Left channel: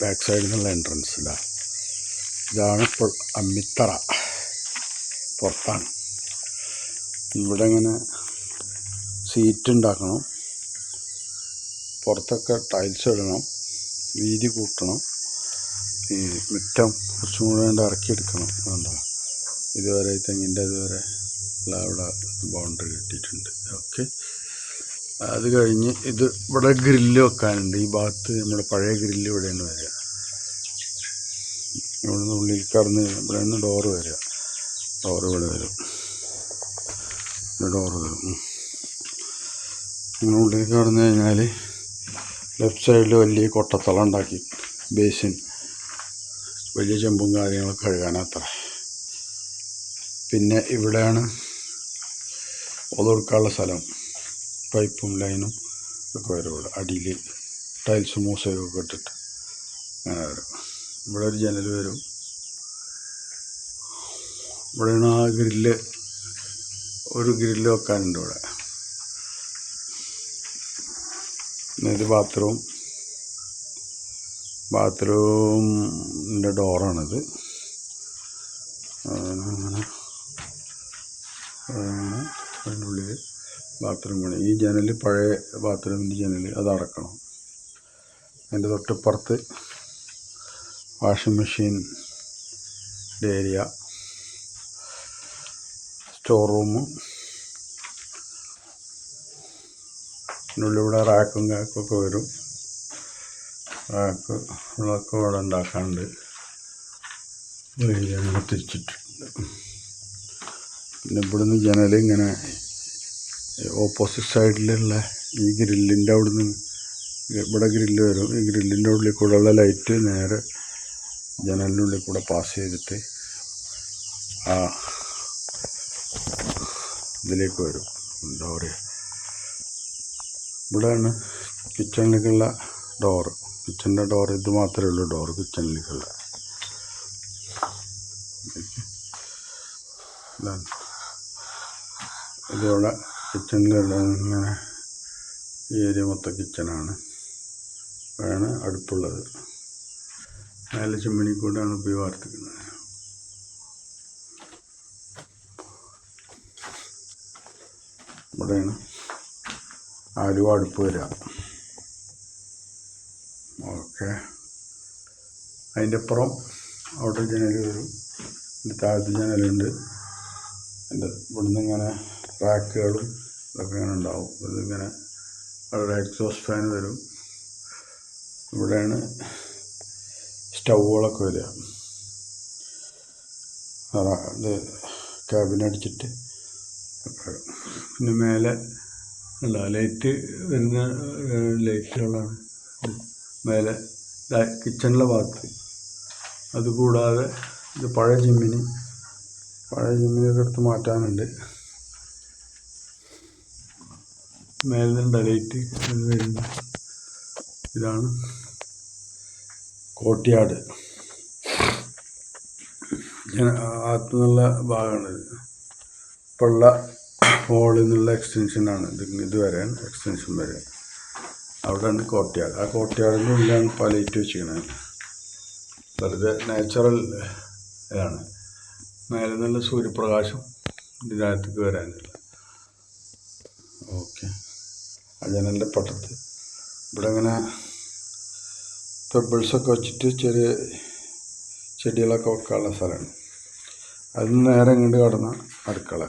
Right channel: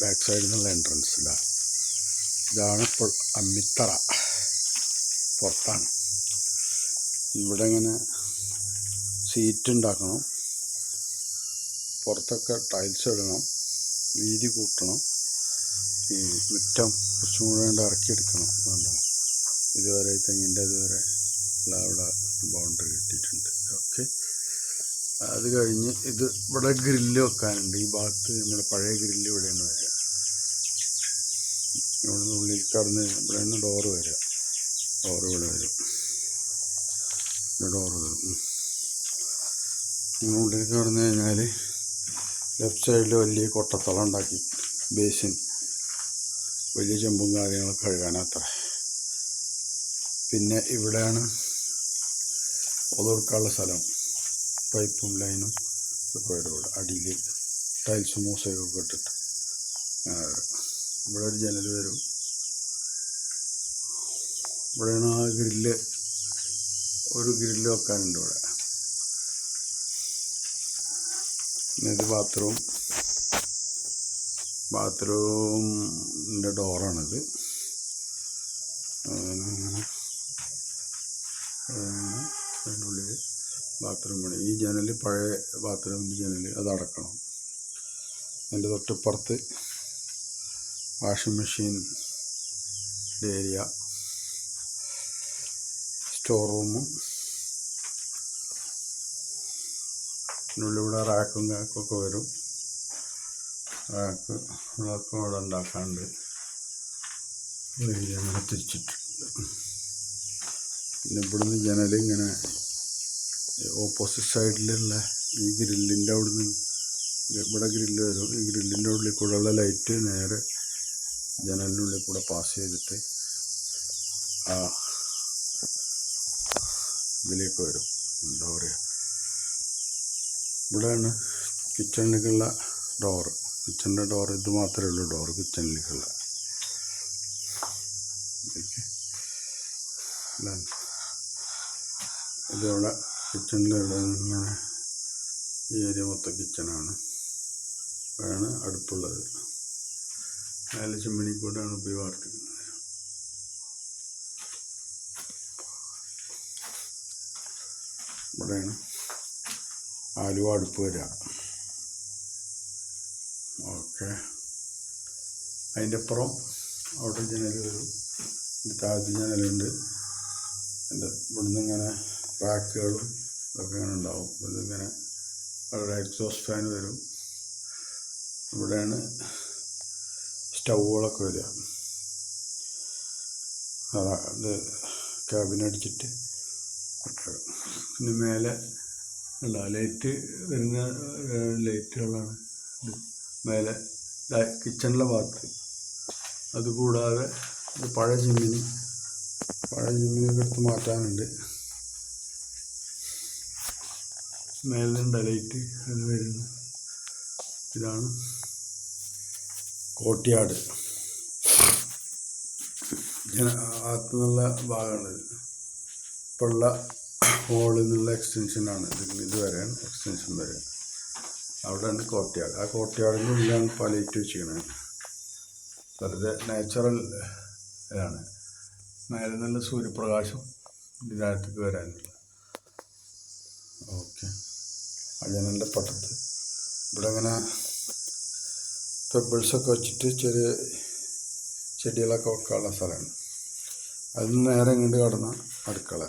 Back സൈഡിൽ നിന്നുള്ള entrance ഇതാണ് ഇപ്പോൾ അമ്മിത്തറ. പുറത്താണ്. ഇവിടെ ഇങ്ങനെ സീറ്റ് ഉണ്ടാക്കണം, പുറത്തൊക്കെ ടൈൽസ് ഇടണം, വീതി കൂട്ടണം, ഈ മുറ്റം കുറച്ചും കൂടെ ഇറക്കിയെടുക്കണം. അതുകൊണ്ടാണ് ഇതുവരെ തെങ്ങിൻ്റെ ഇതുവരെ അവിടെ ബൗണ്ടറി കെട്ടിയിട്ടുണ്ട്. ഓക്കെ, അത് കഴിഞ്ഞ് ഇത് ഇവിടെ ഗ്രില്ല് വെക്കാനുണ്ട്. ഈ ഭാഗത്ത് നമ്മുടെ പഴയ ഗ്രില്ല് ഇവിടെയാണ് വരിക. ഇവിടുന്ന് ഉള്ളിൽ കടന്ന് ഇവിടെ നിന്ന് ഡോറ് വരിക. ഡോറ് ഇവിടെ വരും, ഡോറ് വരും. ഇങ്ങനെ ഉള്ളിൽ കടന്നു കഴിഞ്ഞാൽ ലെഫ്റ്റ് സൈഡിൽ വലിയ കൊട്ടത്തളം ഉണ്ടാക്കി, ബേസിൻ, വലിയ ചെമ്പും കാര്യങ്ങളൊക്കെ കഴുകാനത്ര. പിന്നെ ഇവിടെയാണ് ഒതുക്കാനുള്ള സ്ഥലം. പൈപ്പും ലൈനും ഒക്കെ വരും. ഇവിടെ അടിയിൽ ടൈൽസും മൂസയൊക്കെ ഇട്ടിട്ട് അങ്ങനെ വരും. ഇവിടെ ഒരു ജനൽ വരും. ഇവിടെയാണ് ആ ഗ്രില്ല്, ഒരു ഗ്രില്ല് വെക്കാനുണ്ട് ഇവിടെ. ഇത് ബാത്റൂമിൻ്റെ ഡോറാണിത്. അങ്ങനെ അതിനുള്ളിൽ ബാത്റൂമാണ്. ഈ ജനൽ പഴയ ബാത്റൂമിൻ്റെ ജനൽ, അത് അടക്കണം. അതിൻ്റെ തൊട്ടിപ്പുറത്ത് വാഷിംഗ് മെഷീൻ്റെ ഏരിയ, സ്റ്റോർ റൂം, ഇതിനുള്ളിവിടെ റാക്കും കാക്കൊക്കെ വരും. റാക്ക് ഉള്ളതൊക്കെ ഇവിടെ ഉണ്ടാക്കാണ്ട് അങ്ങനെ തിരിച്ചിട്ടുണ്ട്. പിന്നെ ഇവിടുന്ന് ജനൽ ഇങ്ങനെ ഓപ്പോസിറ്റ് സൈഡിലുള്ള ഈ ഗ്രില്ലിൻ്റെ അവിടുന്ന് ഇവിടെ ഗ്രില്ല് വരും. ഈ ഗ്രില്ലിൻ്റെ ഉള്ളിൽ കൂടെയുള്ള ലൈറ്റ് നേരെ ജനലിൻ്റെ ഉള്ളിൽ കൂടെ പാസ് ചെയ്തിട്ട് ആ ഇതിലേക്ക് വരും. എന്താ പറയുക, ഇവിടെയാണ് കിച്ചണിലേക്കുള്ള ഡോറ്. കിച്ചണിൻ്റെ ഡോർ ഇത് മാത്രമേ ഉള്ളൂ, ഡോറ് കിച്ചണിലേക്കുള്ള. ഇതിവിടെ കിച്ചണിലുള്ള ഇങ്ങനെ ഈ ഏരിയ മൊത്തം കിച്ചണാണ്. ഇവിടെയാണ് അടുപ്പുള്ളത്. മേലെ ചിമ്മിണി കൂടെയാണ് പോയി വാർത്തിക്കുന്നത്. ഇവിടെയാണ് ആലുവ അടുപ്പ് വരിക. ഓക്കെ, അതിൻ്റെ അപ്പുറം അവിടെ ജനൽ വരും. ഇതിൻ്റെ താഴത്ത് ജനലുണ്ട്. ഇവിടുന്ന് ഇങ്ങനെ റാക്കുകളും ഇതൊക്കെ ഇങ്ങനെ ഉണ്ടാവും. ഇതിങ്ങനെ അവിടെ എക്സോസ്റ്റ് ഫാൻ വരും. ഇവിടെയാണ് സ്റ്റൗകളൊക്കെ വരിക. ഇത് ക്യാബിനടിച്ചിട്ട്. പിന്നെ മേലെ ലൈറ്റ് വരുന്ന ലൈറ്റുകളാണ് മേലെ കിച്ചണിലെ ഭാഗത്ത്. അതുകൂടാതെ ഇത് പഴയ ജിമ്മിനൊക്കെ എടുത്ത് മാറ്റാനുണ്ട്. മേലുണ്ട് ലൈറ്റ് വരുന്ന. ഇതാണ് കോട്ടിയാട്. അകത്തുനിന്നുള്ള ഭാഗമാണിത്. ഇപ്പോൾ ഉള്ള ഹോളിൽ നിന്നുള്ള എക്സ്റ്റൻഷനാണ് ഇത് വരാൻ, എക്സ്റ്റൻഷൻ വരെ. അവിടെയാണ് കോട്ടിയാട്. ആ കോട്ടിയാടിൻ്റെ ഉള്ളിലാണ് ഇപ്പോൾ ലൈറ്റ് വെച്ചിരിക്കുന്നത്. വെറുതെ നാച്ചുറൽ ആണ്. മേലെ നല്ല സൂര്യപ്രകാശം ഇതിനകത്തേക്ക് വരാനില്ല. ഓക്കെ, ആ ജനലിൻ്റെ പട്ടത്ത് ഇവിടെ ഇങ്ങനെ പെബിൾസൊക്കെ വെച്ചിട്ട് ചെറിയ ചെടികളൊക്കെ വെക്കാനുള്ള സ്ഥലമാണ്. അതിന് നേരെ ഇങ്ങോട്ട് കടന്ന അടുക്കള.